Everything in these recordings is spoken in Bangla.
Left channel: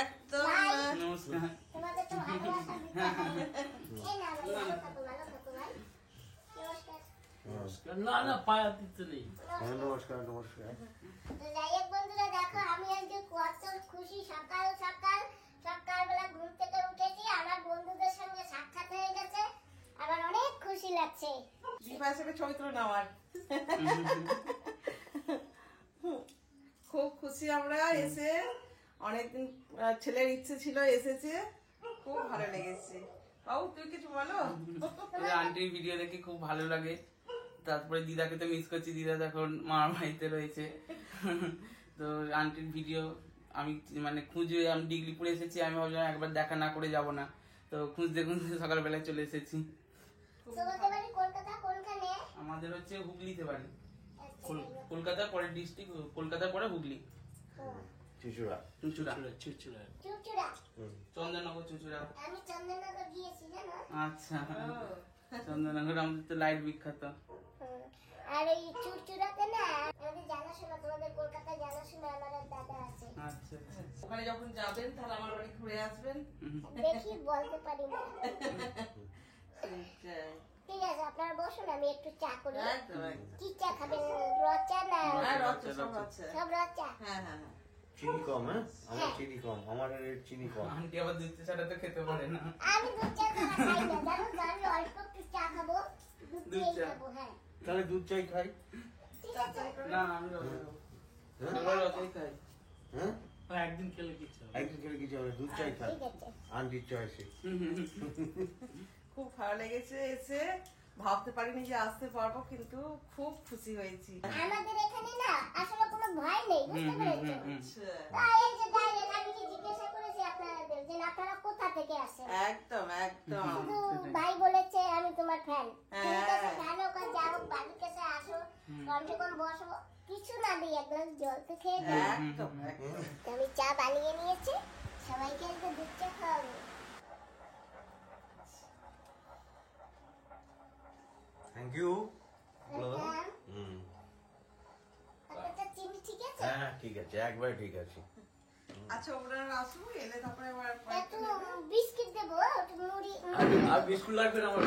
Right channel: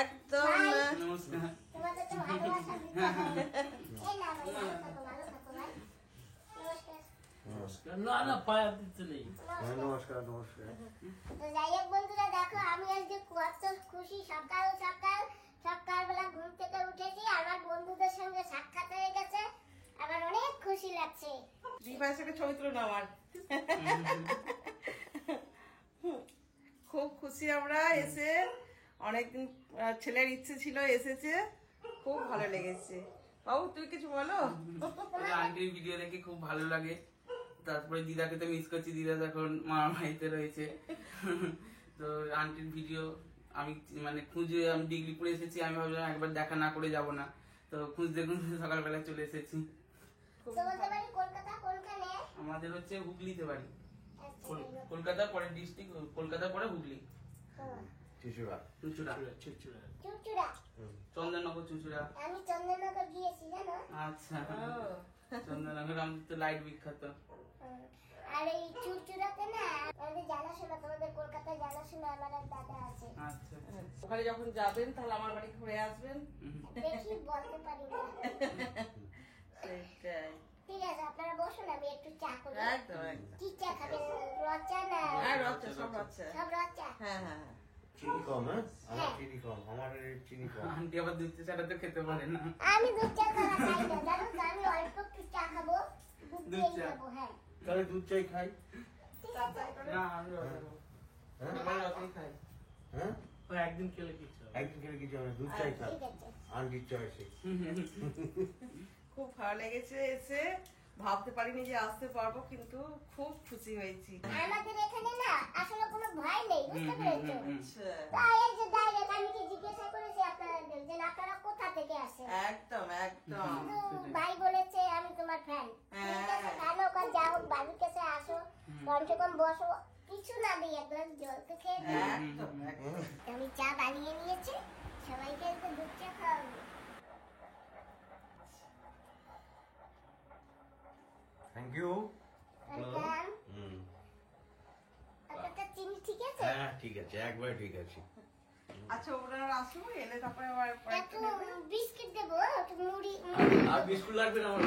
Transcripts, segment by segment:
একদম না না পায়া দিতে নেই। নমস্কার নমস্কার। তো যাই হোক বন্ধুরা, দেখো আমি আজকে কত খুশি। সকালবেলা ঘুম থেকে উঠেছি, আমার বন্ধুদের সঙ্গে সাক্ষাৎ হয়ে গেছে, আমার অনেক খুশি লাগছে। দীপা হিসেবে ছবি তুলো না আমার। খুব খুশি আমরা এসে, অনেকদিন ছেলের ইচ্ছে ছিল, এসেছে, খুব ভালো লেগেছে। বাবু তুই কিছু বলো। আন্টির ভিডিও দেখে খুব ভালো লাগে। তারপরে দিদাকে তো মিস করছি, দিদা এখন মামার বাড়িতে রয়েছে। তো আন্টির ভিডিও আমি মানে খুঁজে, আমি ডিগ্রি পড়ে এসেছি, আমি ভাবলাম একবার দেখা না করে যাব না, তো খুঁজতে সকালবেলা চলে এসেছি। আমাদের হচ্ছে হুগলিতে বাড়ি, কলকাতা পরে ডিস্ট্রিক্ট, কলকাতা পরে হুগলি, চুচুড়া চন্দননগর চুচুড়া। আমি চন্দননগর গিয়েছি জানো। আচ্ছা, চন্দননগর আমাদের তো লাইট বিখ্যাত। আর এই চুচুড়াতে না আমাদের জানাশোনা, তোমাদের কলকাতায় জানাশোনা আমার এক দাদা আছে। আচ্ছা, ওখানে যখন যাবেন তাহলে আমার বাড়ি ঘুরে আসবেন। দেখি বলতে পারি না। সেটাই। ঠিক আছে, আপনারা বসুন, আমি একটু চা করি। একদম একদম। কি চা খাবেন? রদ চা না? হ্যাঁ রচা, সব রচা। সব রদ চা। হ্যাঁ হ্যাঁ। চিনি কম, হ্যাঁ আমার চিনি কম, আমার চিনি কম। আন্টি আবার দুধ ছাড়া তো খেতে পারে না। আমি দুধ চা খাই না, জানো তো, আমি অল্প একটু চা খাবো, দুধ দিয়েই খাবো। হ্যাঁ তাহলে দুধ চাই খাই। ঠিক আছে। না আমি আমরা রসাই খাই। হ্যাঁ একদিন খেলে কিছু একদিন করে কিছু হবে, দুধ চাই খাই। ঠিক আছে। আন্টির চয়েসে। খুব ভালো লেগেছে এসে, ভাবতে পারিনি যে আসতে পারবো, কিন্তু খুব খুশি হয়েছি। আমাদের এখানে না আসলে কোনো ভয় নেই, বুঝতে পেরেছো? তাই এই যে ডাইরেক্ট আমি কি জিজ্ঞাসা করেছি আপনাদের যে আপনারা কোথা থেকে আসেন, একদম একদম। শুধু ভাই বলেছে আমি তোমার ফ্যান। ঠিক আছে, ফ্যান হোক আর যা হোক, বাড়ির কাছে আসো, ঘন্টে কম বসো, কিছু না দিই, এক গ্লাস জল তো খেয়ে যাও। একদম একদম। আমি চা বানিয়ে নিয়েছি, সবাইকে আজকে দুধ চা খাওয়াবো। Thank you. ওয়েলকাম। আপনারটা চিনি ঠিক আছে? হ্যাঁ ঠিক আছে, একবার ঠিক আছে। আচ্ছা ওনারা আসবো, এলে তারপরে আবার একটু বিস্কিট দেবো, একটু মুড়ি। আর বিস্কুট লাগবে না? আমার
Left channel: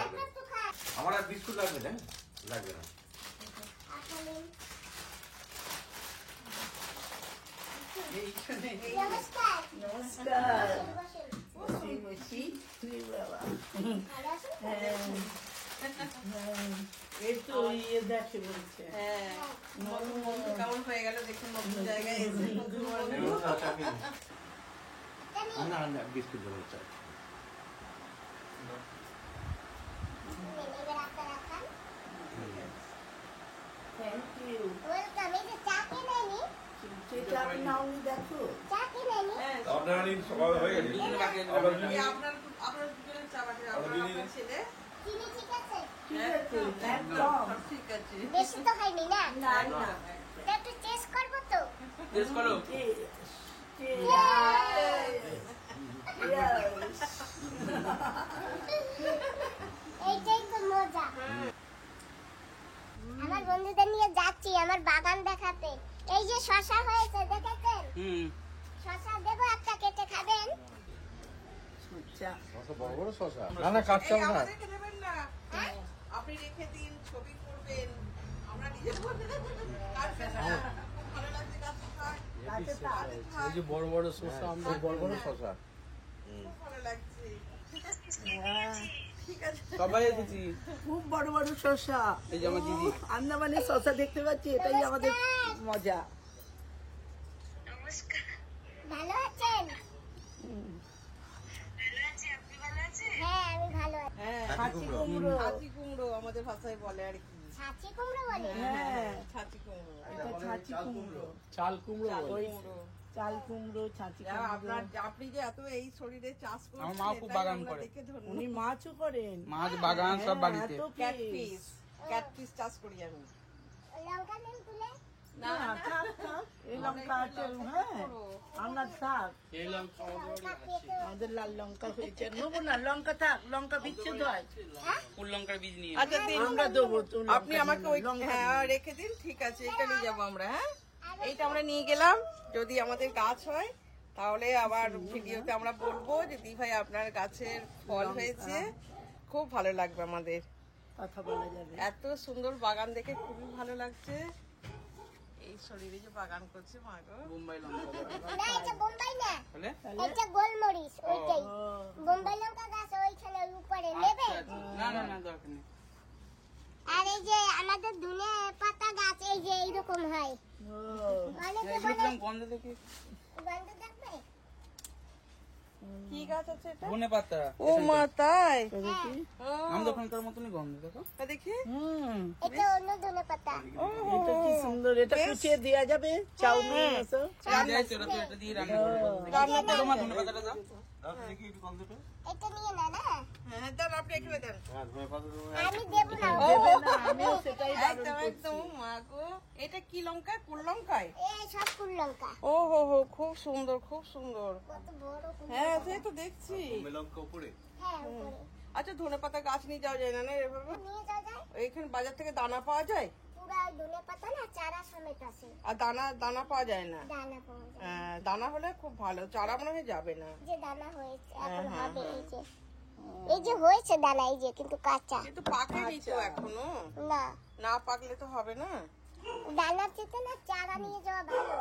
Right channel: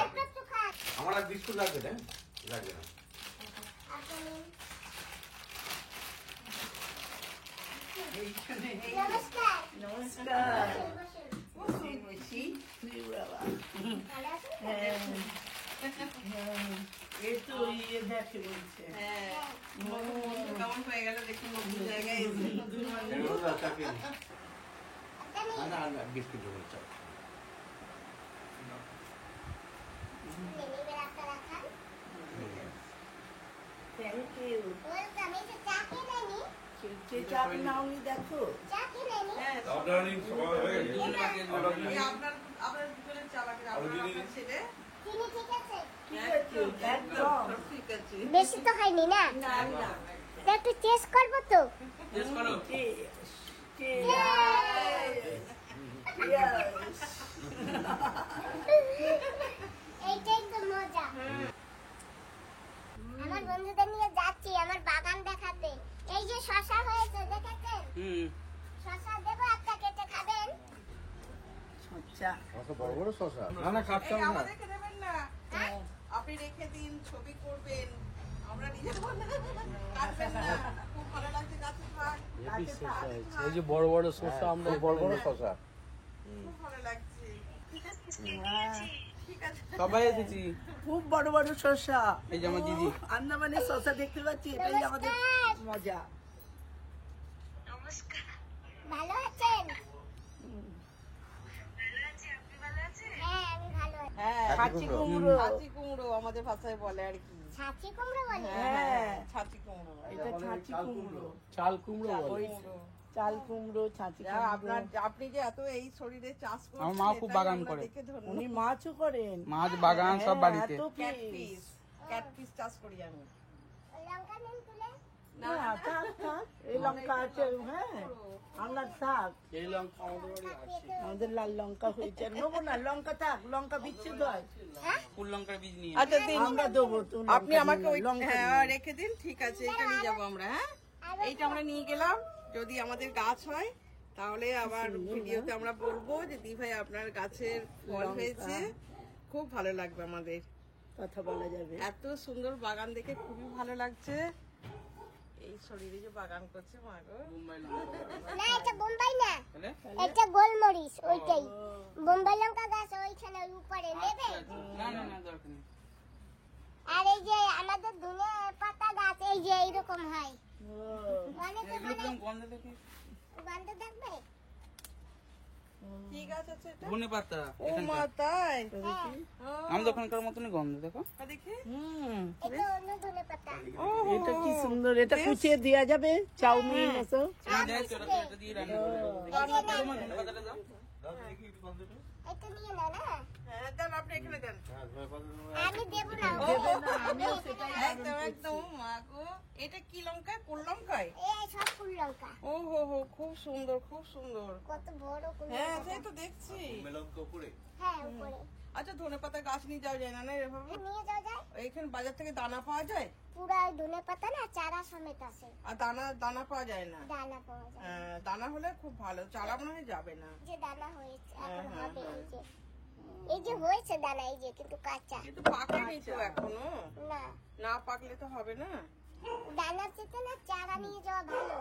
অল্প একটু খা। আমার আর বিস্কুট লাগবে না? লাগবে না। আপনার এইখানে। নমস্কার। নমস্কার। বসেন। বসি। বাবা। ভালো আছেন? এই তো ইয়ে দেখে বলছে। হ্যাঁ। বন্ধু কেমন হয়ে গেল দেখুন, নতুন জায়গায় এসে নতুন মানুষ। না না বিস্কুট দেবো চাই। এবার আপনারা খান। Thank you. ওয়েলকাম। এই যে চা খেয়ে নেয়নি? চা নাওনি দেখো। চা খেয়ে নেয়নি? হ্যাঁ। আপনার সবাই হয়ে গেছে। আপনার দুজনের চা বাকি, আপনার ছেলে। চিনি ঠিক আছে? ঠিক আছে, একদম ঠিক আছে। বেশি তো খাইনি না? না না। তা একটু টেস্ট করবো তো? টেস্ট করো। এইটাই তো মজা। আমার বন্ধুদের নিয়ে যাচ্ছি আমার বাগান দেখাতে। এই যে শশা হয়েছে দেখেছেন? শশা দেবো, একটা কেটে খাবেন? আচ্ছা। কত বড় বড় শসা। না না কাটছে না। আমাদেরকে দেবেন না, আপনি রেখে দিন, ছবি করবেন, আমরা নিয়ে যাবো। আচ্ছা খুব ভালো লাগছে গাছের পাশ। এই যে বড় বড় শসা, আমরা বড় বড় শসা। খুব ভালো লাগছে। ঠিক আছে ঠিক আছে। সবাই এসেছি। খুব বড় বড় শসা। এই যে আমার দিদি। আন্দামানি শসা দেখতে পাচ্ছি, এটাই আমাদের মজা। ভালো আছেন? হ্যাঁ আমি ভালো আছি। হ্যাঁ, ছাঁচি কুমড়ো। ছাঁচি কুমড়ো আমাদের ভাষায় বলে আর কি। ছাঁচি কুমড়ো বলে? হ্যাঁ, ছাঁচি কুমড়ো। এটা ছাঁচি কুমড়ো। চাল কুমড়ো। চাল কুমড়ো, ছাঁচি কুমড়ো। আপনার আপনি যে এত এই শরীরে চাষ করছেন, আমার মা খুব এটাই বাগান আমরা করে। দেখে ধন্য। উনি মাছও করেন, মাছ বাগান সব বাড়িতে। ক্যাটফিশ চাষ করি আমি। লঙ্কা নেই তুলে? না থাক থাক, এই লঙ্কা আছে, হ্যাঁ আপনার থাক, এই লঙ্কা লঙ্কা পেকে আমাদের লাল লঙ্কা হয়েছে, নেবো না লঙ্কা থাক, লঙ্কা বিচ্ছেদ হয়, ফুল লঙ্কার বীজ নিয়ে। আচ্ছা দিন, আমরা দেবো তো, আপনি আমাকে ওই হ্যাঁ রেখে দিন, ঠিক আছে, এটা নিয়ে যাবো আমরা। হ্যাঁ আমি এইটা আমরা নিয়ে গেলাম, যদি আমাদের গাছ হয় তাহলে আবার ভিডিওতে আমরা বলবো যে দি ভাই আপনার গাছের ফল হয়েছে, খুব ভালো লাগবে আমাদের। কথা বলা যাবে। এত সুন্দর বাগান দেখে খুবই ভালো লাগছে। এই শরীরে যে বাগান করছে মা গো। বোম্বাই লঙ্কা না এটা বোম্বাই না, তাহলে এটা গোলমরিচ ওইটাই। বোম্বাই লঙ্কা গাছ ওইখানে উপরে নেবে। না না না দরকার নেই। আর এই যে আমাদের ধনে পাতা গাছ এই যে এইরকম হয়, অনেক এগুলো কিরকম গন্ধ দেখি? গন্ধ থাকবে। কি গাছ আছে এটা? ধনে পাতা ও মা তাই? আমাদের ওখানকার মতনই গন্ধ দেখো। দেখি এটা অন্য ধনে পাতা। এটা কি সুন্দর, এটা কুচিয়ে দেওয়া যাবে চাউমিন এসব। এটা দিয়ে রান্না করে দাও। তোমার ধনে পাতাটা দাও। দাও দেখি একটু গন্ধটা। এটা নিয়ে না না, হ্যাঁ দেন, আপনি এখানে দেন। হ্যাঁ ধনে পাতা দেবো। আমি দেব না। আমিও সেটাই একদম একদম মা গো। এটা কি লঙ্কা? কোন লঙ্কায়? এই সব ফুল লঙ্কা, ও হো হো, খুব সুন্দর খুব সুন্দর। কত বড় ফুল হ্যাঁ লঙ্কা। সেই তো দেখছি। মেলঙ্কা উপরে। হ্যাঁ উপরে আচ্ছা ধনে পাতা গাছ নিয়ে যাওয়া যায় না না এভাবে? নিয়ে যাওয়া যায়। এইখানে বাজার থেকে দানা পাওয়া যায়? পুরা ধনে পাতা না চারা সমেত আছে, আর দানা পাওয়া যায় না? দানা পাওয়া যায়। হ্যাঁ, দানা হলে খুব ভালো, চারা মনে হয় যাবে না। যে দানা হয়েছে এখন হবে, এই যে হয়েছে দানা, এই যে কিন্তু কাঁচা কিন্তু পাকেনি তো এখনো, না। না পাকলে তো হবে না। দানা চেতে না চারা নিয়ে যাওয়া ভালো।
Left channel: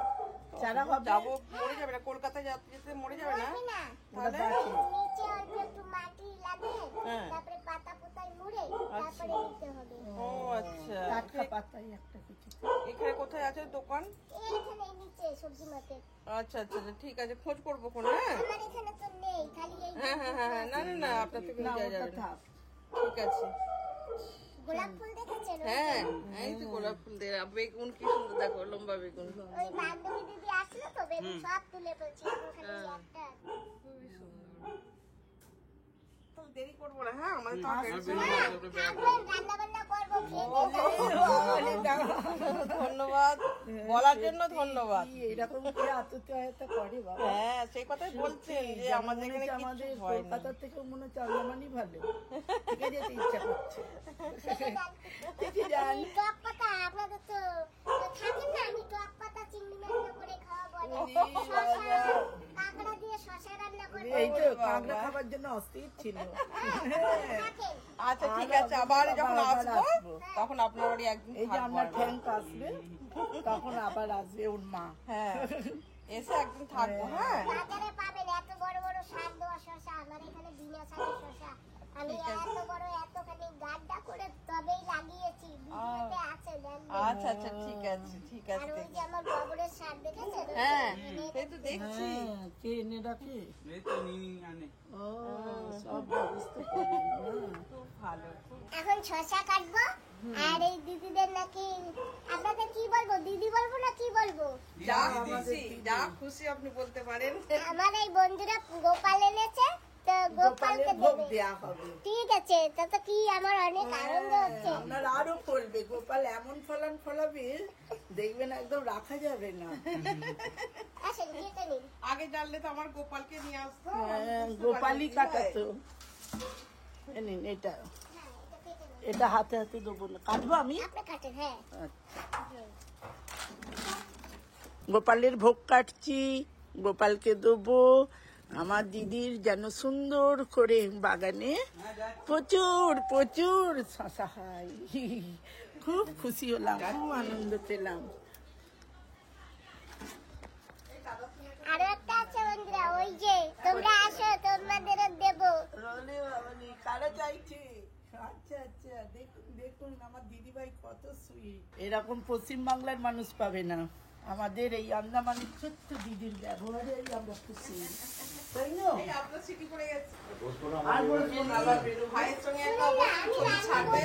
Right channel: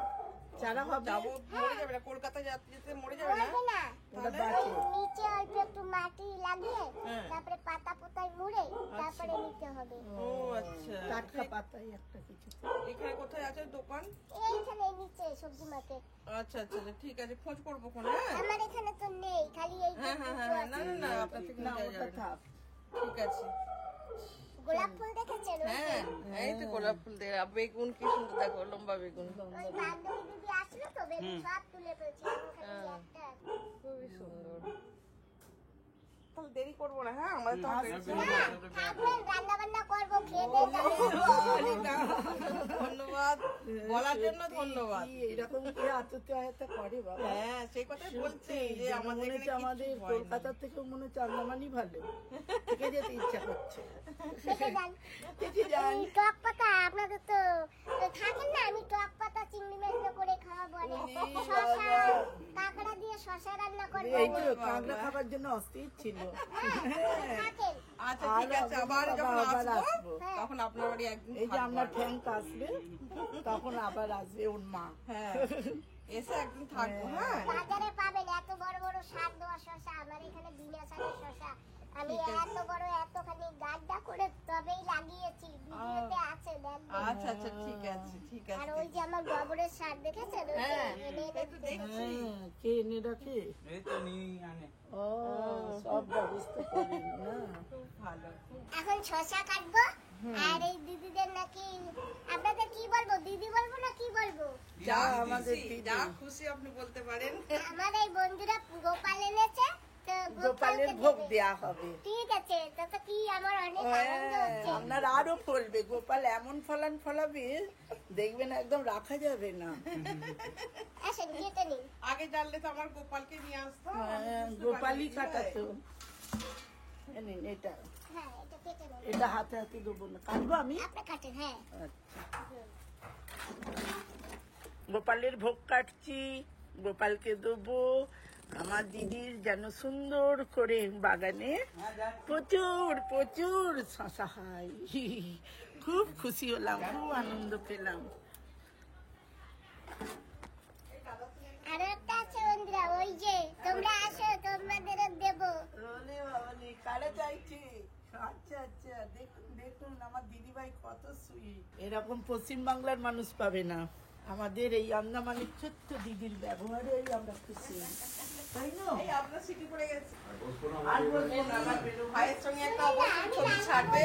চারা হবে। যাবো, মরে যাবে না? কলকাতায় যেতে মরে যাবে না? হবে না, ওটা বাকি। নিচে অল্প একটু মাটি লাগিয়ে হ্যাঁ। তারপরে পাতা পোতায় মুড়ে তারপরে নিতে হবে। ও আচ্ছা। টাটকা পাতাই একটা কিছু। এখানে কোথায় আছে দোকান? এইখানে নিচে সবজি মাঠে। আচ্ছা আচ্ছা আচ্ছা, ঠিক আছে, খোঁজ করবো কোন। হ্যাঁ আমার এখানে তো নেই, খালি এই হ্যাঁ হ্যাঁ হ্যাঁ হ্যাঁ, না না না, আপনার থেকে না নিয়ে ওটা যাওয়া যাবে না। থাক। ঠিক আছে। গোলাপ ফুল দেখেছেন? হ্যাঁ এই তো গোলাপ ফুল দিয়ে, আর বেগুন কি সুন্দর দেখো, লম্বা বেগুন। ওই বান্ধবী দিদি আসলো তো বেগুন সব তুলে ফেলছি, এখন খালি একটা। খুবই সুন্দর। তাহলে দেরি করবো না, হ্যাঁ আমাদের তো থাকবেন, রান্না বান্না করবো, খেয়ে দিয়ে যাবেন। ধন্যবাদ বলার জন্য ধন্যবাদ। কি এরকম কে আত্মীয়তা করে বাবা। হ্যাঁ সেই কথাই বলছি যে যেমন আমাদের মনে হচ্ছে এখানে আমাদের কিচ্ছু হয় না। কলকাতার থেকে মনে হচ্ছে আন্দামানই ভালো, থেকে যেতে ইচ্ছা করছে। থেকে যান। থেকে যান। আমি টক পাতা, আপনাদের তো থাকেন না, আমি টক পাতা চিংড়ি মাছ করে খাওয়াবো, শশা কাঁকড়া দিয়ে শশা রান্না করবো। এই তো কাঁকড়া খাবার জন্য অস্থির ছিল। থাকেন। আচ্ছা ঠিক আছে, আবার যখন আবার আসবো আসবো। তখন আপনার বাড়ি একদিন এই যে থাকবো আপনার আবার। ঠ্যাঙ্ক আসবে তখন আবার আসবে ওর মা। হ্যাঁ এসে একদিন থাকবো। হ্যাঁ বাজারে পাবেন এত বড় বড় সার দেওয়া শশা, আমার এখানে বিনা সারের শশা। আমি এত বড় এতখানি গাড্ডা করে তবেই লাগিয়েছি, ভিডিওতে আছে দেখবেন। আচ্ছা আচ্ছা ঠিক আছে ঠিক আর আছে। ওই যে আমার গোবরের সার দেখেছেন? ওই হ্যাঁ যে এনে সেই তো দেখছি। হ্যাঁ, কে এনে রাখে? এই তো নিয়ে আনে। ও সব ব্যবস্থা করে না। খুব ভালো খুব। এখন শশা কাটবো। আর এই দিদিদের নাকি, আপনাদের কি বলবো, দিদি বলবো না কি বলবো? যা আমাদের খুশি, যা খুশি আপনি বলতে পারেন। আমার এই বন্ধুরা গোপাল এনেছে, তো গোপালের গোপালকে ভোগ দেবে। দেয়া হবে। ঠিক আছে, তাতে কি আমার অনেক আনন্দ হচ্ছে। আপনার আরো ফলবে, গোপাল এমন ফলান ফলাবে দেখবেন একদম রাখা যাবে না। আসেন কেটে নিন। আগে জানলে তো আমার গোপালকে নিয়ে আসতো। হ্যাঁ, গোপালই কাটাতো। এই নিন এটা, হ্যাঁ এটা কেটে নিন। এটা হাতে হাতে দেবো না, কাটবো আমি। আপনি কাটেন। হ্যাঁ গোপালের ভোগ কাটছি, গোপালকে দেবো। আমার দিদির যেন সুন্দর করে বাগানে প্রচুর প্রচুর শশা হয়। খুব খুশি হলাম, খুব আনন্দ পেলাম। আরো একটা আছে বন্ধুরা, ওই যে তোমরা আসো, তোমাদের দেবো। কারা চাইছে? আচ্ছা আচ্ছা, দেখুন দেখুন আমার দিদিভাই কত সুইট। এরকম পশ্চিমবাংলার মানুষ পাবে না। আমাদের এই আন্দামানের ছোট্ট দিদির ব্যবহারেই আমরা খুশি, তাই না? এই আপনার সিটি পড়ে গেছে। বসবো না আর বলবো না, আবার বেরোবো। ভাইয়ের সঙ্গে একটা অবশ্যই ছবি ছাড়বে।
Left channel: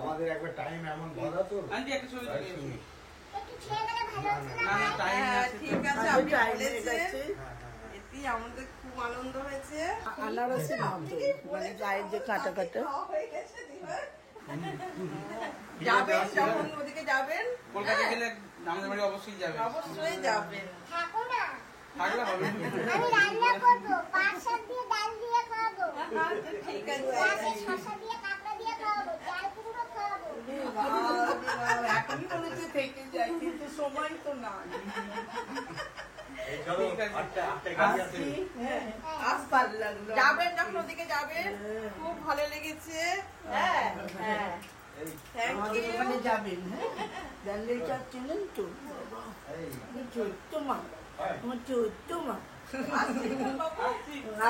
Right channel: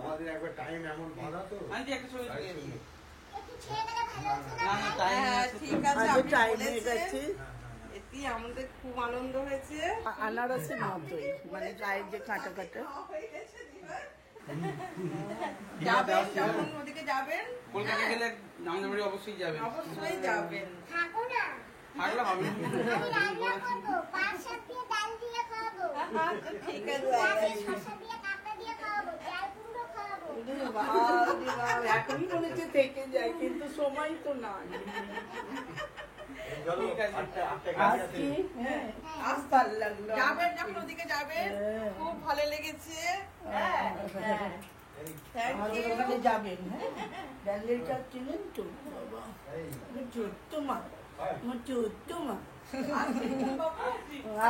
আমাদের একবার টাইম এমন ধরা তো আন্টি একটা ছবি তুলে শুনি। একটু ছেড়ে গেলে ভালো হতো না? না না টাইম হ্যাঁ, আছে তো। ঠিক আছে আগে আপনি time হয়ে বলেছেন। গেছে। এটি আমাদের খুব আনন্দ হয়েছে। আনারসের মতোই, মানে গায়ের যে কাটা কাটা। হয়ে গেছে, যাবেন যখন ওদিকে যাবেন কলকাতা গেলে আমাদের বাড়ি অবশ্যই যাবেন। অবশ্যই যাবেন। থাকো না, থাকলে হবে না। আমি রান্না করবো, পাঁচ সাত দিয়ে ডাল দিয়ে খাওয়াবো, ঠিক আছে। রাতে শসা দিয়ে কাঁকড়া দিয়ে খাওয়াবো, চাল কুমড়ো খাওয়াবো। এখনই বলে থেকে যায়, কিন্তু সময় তো না। ঠিক আছে। আসছি, হ্যাঁ, আজ ভালো লাগলো। যাবেন যখন ওদিকে যাবেন, খুব ভালো লেগেছে। হ্যাঁ হ্যাঁ থ্যাংক আমাদের ইউ। ওখানে যাবেন, হ্যাঁ, ব্যান্ডেল চাপ চিনেন তো? বাবা, আমার ছোট্ট মা, আমার ছোট্ট মা।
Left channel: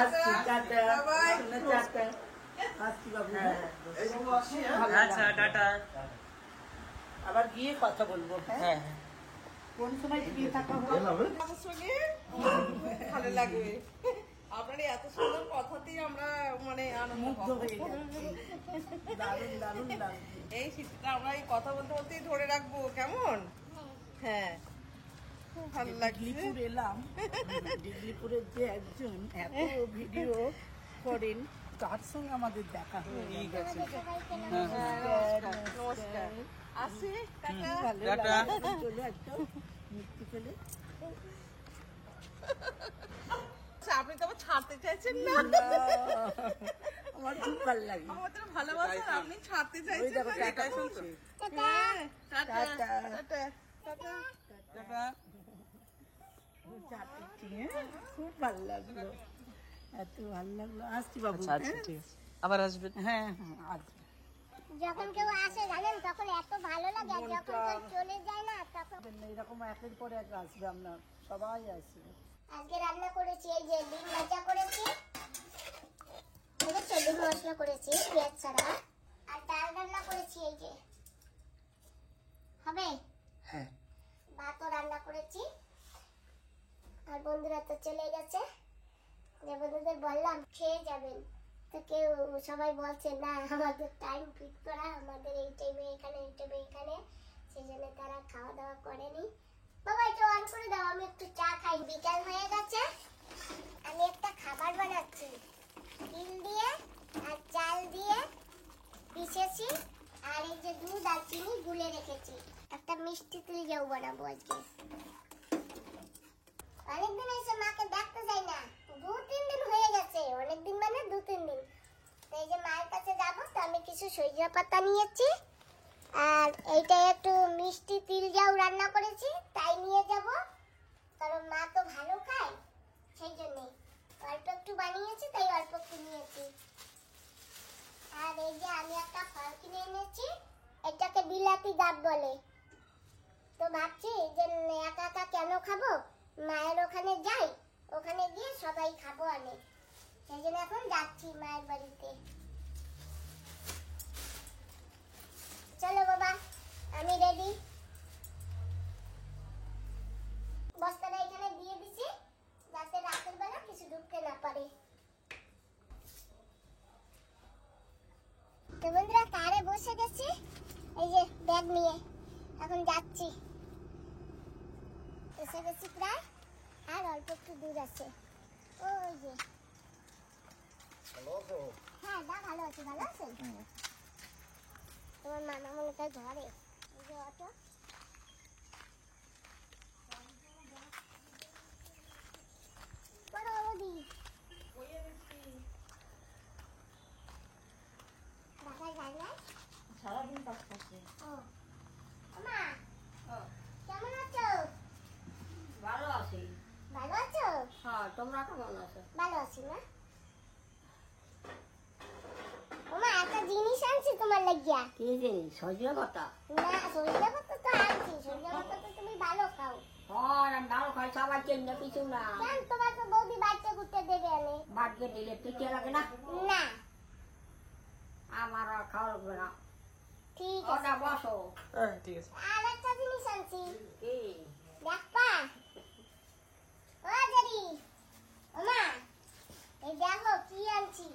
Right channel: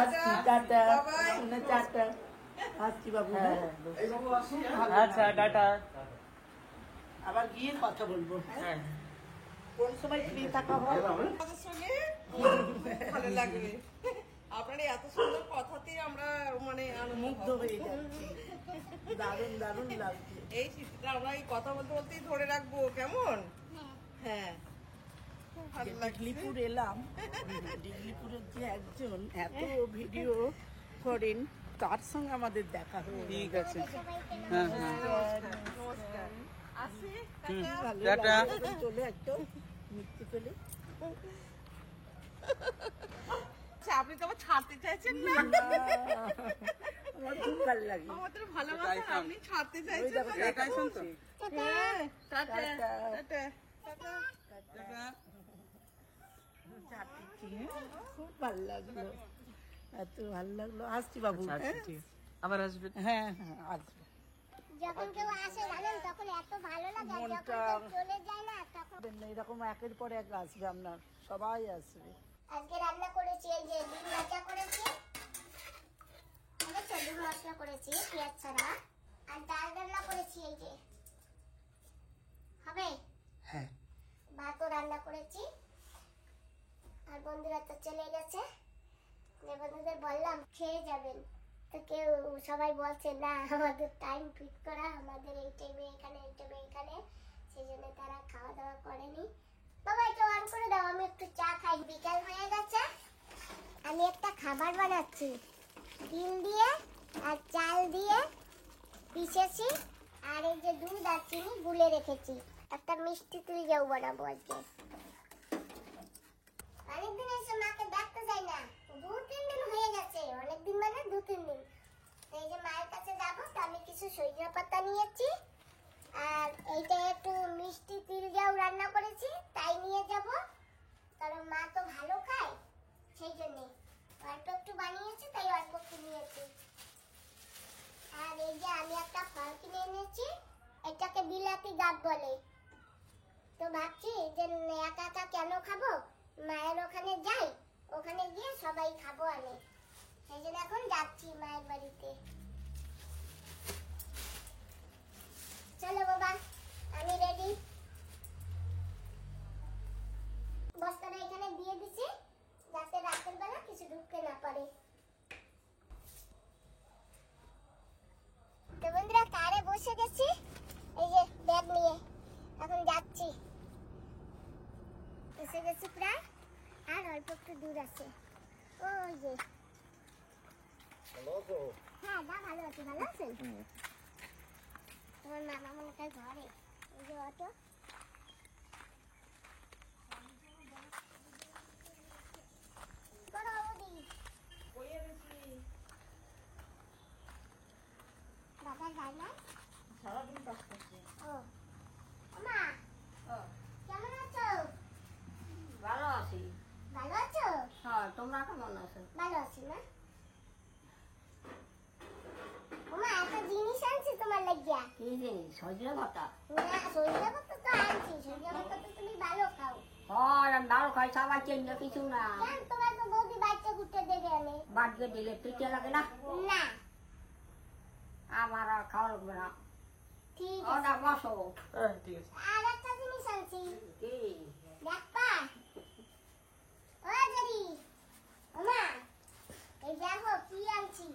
আসছি, টাটা, Bye-bye. টাটা, আসছি বাবু, হ্যাঁ। আচ্ছা টাটা। আবার গিয়ে কথা বলবো, হ্যাঁ। হ্যাঁ কোন সময় ফ্রি থাকা হয়? কথা শুনে খুব ভালো লাগে। আপনার এই এত সুন্দর কথাতেই আমরা মানে আনন্দ মুগ্ধ পাবো। হয়ে যাচ্ছি, দারুণ দারুণ লাগছে। এই শীতটা আমরা এই কথা বলতে বলতেই ধরে রাখবো, কেমন? হ্যাঁ খুব ভালো লাগছে। ডিগলিপুর এলাম, ডিগলিপুরের যে একজন এত ভিডিও করেন, তার সঙ্গে আমাদের দেখা হয়ে ঠিক গেল। আছে। নমস্কার, নমস্কার। আসি, ভালো টাটা। লাগলো, চলে একটা মুক্তি পেলে। আচ্ছা, আপনি তো আবার ছাড়তে চাইছেন না। আমার খুব ভালো লাগলো। আমাদের ভালোবাসা আপনি ছাড়তে ওই চাইছেন দেখো, না। টাটা শুনছি। হ্যাঁ, টাটা, টাটা। টাটা, টাটা। টাটা। চাটছি, হ্যাঁ, খুব ভালো লাগলো, এত ভালো লাগলো। আসছি বাবু, আচ্ছা হ্যাঁ? ঠিক আছে, আবার আসবেন। হ্যাঁ হ্যাঁ, আসবে। যখন কেউ আসে জানেন তখন এত ভালো লাগে, আর যখন মনটা- কেউ চলে যায় না তখন। এরকম একের পর এক আসবে, আপনার সবাই আসবে। আজকে রান্না করেছি এই যে ডিম ভাজা করেছি, ঠিক আছে, ডিম মশলা করেছি পেঁয়াজ ছাড়া, আর ডাল রান্না করেছি এই যে, হবে হ্যাঁ ভাতও রান্না করেছি। আর বন্ধুরা তো চলে গেছে, যে বন্ধুদের বললাম খেয়ে যাবেন, তো কেউ সবাই বলছে না আমাদের টাইম ফিক্স করা, আমাদের এই টাইমে এখানে, এই টাইমে এখানে, সেই জন্য তারা খাওয়া দাওয়া করেনি। বাবা এটা অন করে দাও, আমি একটু চা খাই। বিকাল হয়ে গেছে, আমি একটা খাবার বানাচ্ছি, তিল দিয়ে আর চাল দিয়ে পিষেছি, আর এই যে দুধ আর চিনি গুলে রেখেছি, একটা মিষ্টি তিল জাউ বানাবো আজকে। অনেকদিন এসে মাকে দেখতে যাই না, 2-3 দিন হয়ে গেছে, অনেকদিন মানে 2-3 দিন। তো এই যে মায়ের কাছে যাবো, তো আমি কিছু সরিষা পাতা নিয়েছি, আর এইটা একটু মিষ্টি তিল জাউ রান্না করেছি, তাই নিয়ে যাব, কারণ মা তো ভালো খায়, সেই জন্য অল্প একটু বানিয়েছি, তাই অল্প একটু নিয়েছি। আর এই যে আমি একটা ফল কিনে এনেছি, এটাকে বিলাতি ডাব বলে। তো ভাবছি যে একা একা কেন খাবো, মায়ের ওখানে যাই, ওখানে গিয়ে সবাই খাবো অনেক, সেই জন্য এখন যাচ্ছি মায়ের বাড়িতে। চলো বাবা, আমি রেডি। বস্তাটা এখানে দিয়ে দিছি, যাতে রাতের বেলা কিছু ঢুকতে না পারে। তো বন্ধুরা কারে বসে গেছি, এই যে ব্যাগ নিয়ে, এখন যাচ্ছি। এসে গেছি প্রায়, আর অল্প একটু দূর আছে, ওই যে। হ্যাঁ দা ভালো আছে, ভালো আছেন? তোমার মামা মনে হয় ঘরে, অটো বাবা যায় না সারাদিন কাজ করছি। ও মা কেমন আছো? ভালো আছি। ভালো আছো? হ্যাঁ, তোমরা কেমন আছো? ভালো আছি না। ওমা একটা জিনিস আনছি তোমার লাগিয়া। কি জিনিস? সজনে পাতা? না সরিষা পাতা তো আনছি, সরিষা পাতা তো তুমি ভালো খাও। হয়, আমি ভালো খাই, সবাই চিন্তা কিছু না। কেন তোমার তো বৌদি বাচ্চা ঘুরতে দেবে আমি? বাড়িতে দিলে পিঠে লাগে না, না আমার আর খাওয়া লাগবে না। ঠিক আছে। ওটা বসো। ঠিক আছে। আর একটা জিনিস আনছি, কি? দেখবা? ও জেরি ওমা এই দেখো কি আনছি।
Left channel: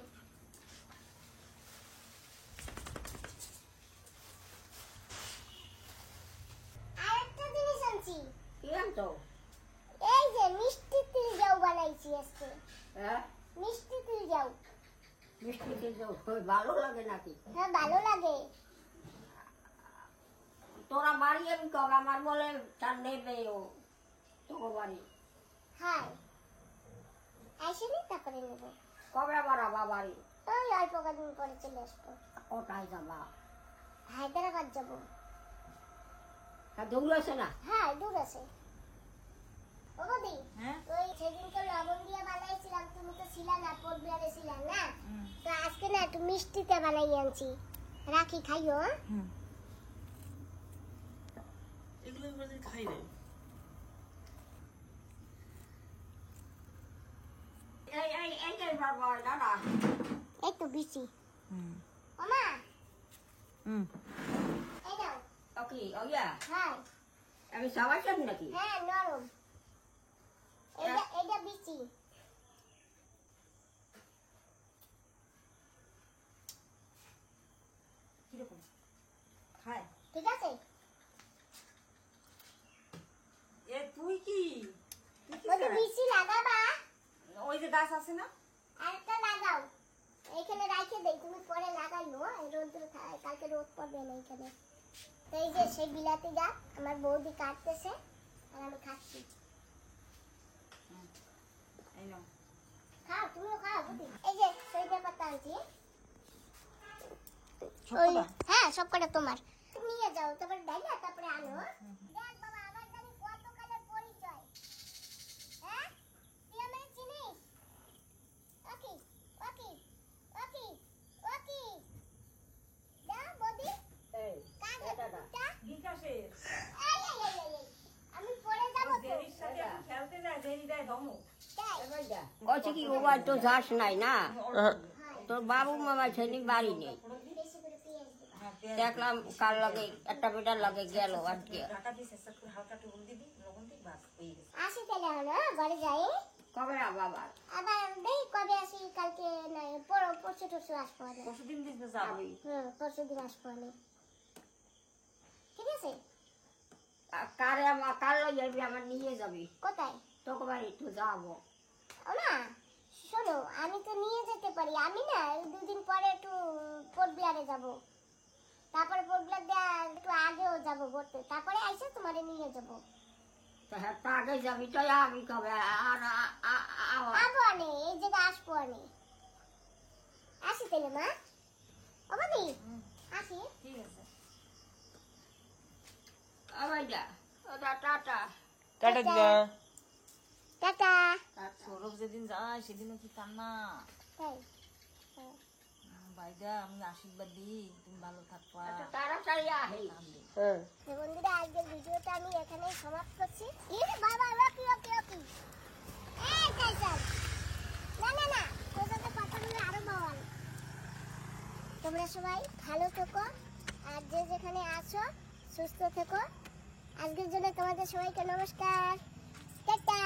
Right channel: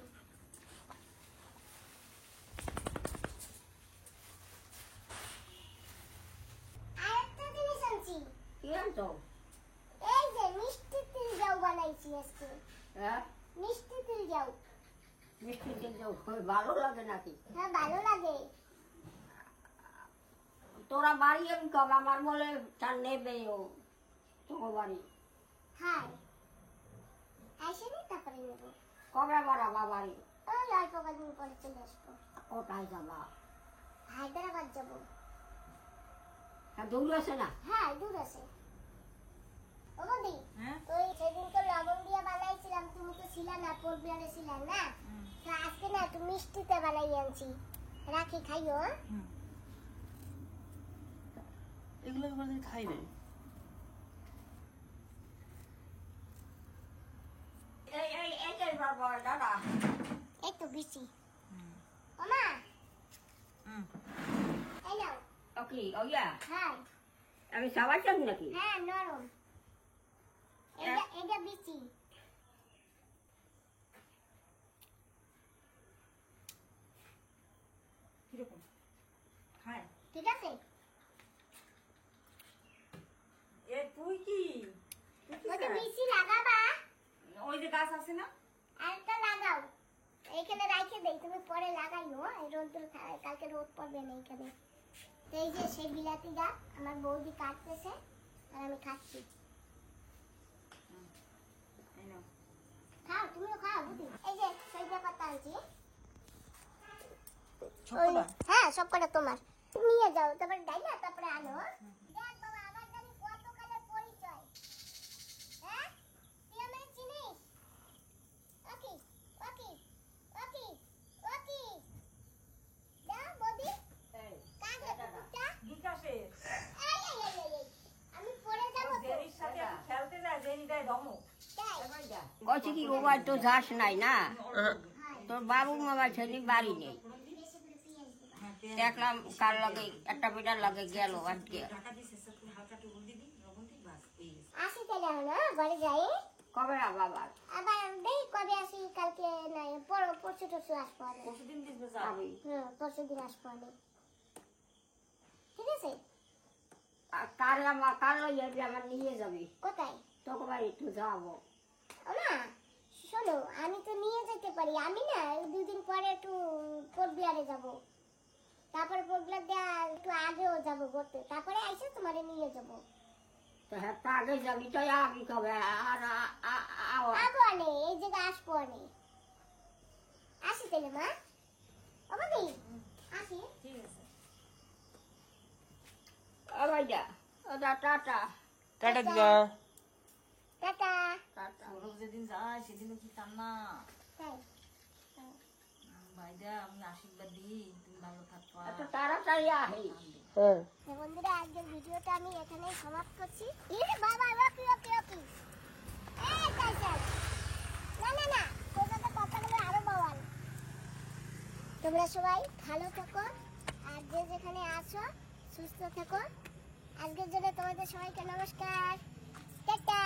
আর একটা জিনিস আনছি, কি আনতো? এই যে মিষ্টি তিল জাউ বানাইছি আজকে। হ্যাঁ, মিষ্টি তিল জাউ। মিষ্টি কিন্তু ভালো লাগে নাকি? হ্যাঁ ভালো লাগে। তোরা বাড়ি আমি কবে আমার বলে চার নেবে ও তোমার বাড়ি হ্যাঁ আসেনি, তারপরে নেব। কবে বাড়াবা বাড়ি? ওই অল্প কদিন পরে চলে আসবো। ওটাই যাবা। হায়দ্রাবাদ যাবো। আর দৌড় আছে না হ্যাঁ দুধ আছে ও বৌদি ওই সেদিনকে লবণ দিয়ে বানাইছিলাম তুমি তো ছিলা না পোলবিয়ারে ছিলাম না তো আজকে না একটু মিষ্টিতে বানাই আনছি রাখি খাইও হ্যাঁ এগুলো এবার খাই রে এইটাই বাবা দাদা একটু বেশি মামা এই নাও ওকে ওইয়া হ্যাঁ আমি সবাই চাই নাকি হ্যাঁ নরম এটা বেশি খাই ঠিক আছে এ তুই কি ওটা বেশি লাগাবা ওই যে গাছ আছে না আরেকটা লাগাও এইখানে রাখে দেই তুমি পরে লাগাইও এই রোদ কালকে রোদ পড়বে না এইখানে তো এই যে সেই বিলাতিটা আমার বৌদি কাটতেছে আর আমি খাচ্ছি খাও তুমিও খাও বুঝি এই যে সইটা পাতা আনছি হ্যাঁ সব কটা তোমার নিয়ে যাও তারপরে ডাইলা তারপরে আনো দেখ বাবা আমার জানি কত কালের পরিচয় হ্যাঁ তুই আমায় চিনিস ওকে ওকে ওকে ওকে দাও বৌদি কাগজ বুকটা বিকাশে এই আমি পরে যাবো তো দেরির সাথে খেলতে যায় দেরি দেয় ধমক তাই বলছি কি ওবার তো যাস নাই না তোর বাবু মামা ছেলে বাড়ি নেই বেশি করে পেঁয়াজ দিবা দেখলাম কার লগে একটা বেটার লগে গেল আজকে আসি তাহলে না বাড়ি যাই কবে না বাবার আবার দেখি কবে আসি কালকে নাই পরশু টরশু আসবো আমি আমি পরশু দিন আসবো আমি ঠিক আছে কার লগে যাবি আমার নিয়ে যাবি কোথায় তোকে বাড়ি একটু যাবো ও না শোনো আমি তো নিয়ে যেতে পারি আমি না দুদিন পরে একটু পোর্টব্লারে যাব তারপরে পোর্টব্লার দিয়ে একটু আগেও যাব ঘুরতে তারপরে এসে তোমার নিয়ে যাবো তা হ্যাঁ তা আগে যাবি তো আমি কবে আর আগো আনে এই জায়গায় আসবো আমি আসি তাহলে মা অবাদি আসি ভাইয়া টাটা টাটা দিদা টাটা সৌরভ যেদিন যায় সেদিনও কি কান্না তাই ভাইদা আমি আশীর্বাদ দিই তুমি ভালো থাকবা তাড়াতাড়ি আহি তো বন্ধুরা আজকের ভিডিওটা আমি এখানেই সমাপ্ত করছি এই বাবা ওকে ওকে ওকে এই তাই তাই না না না তোর সাথে কথা বলে আরো বাওয়াল তোমরা সবাই ভালো থেকো আর যে যেখানে আছো সুস্থ থেকো আজকের জন্য তোমাদের সবাইকে নমস্কার টাটা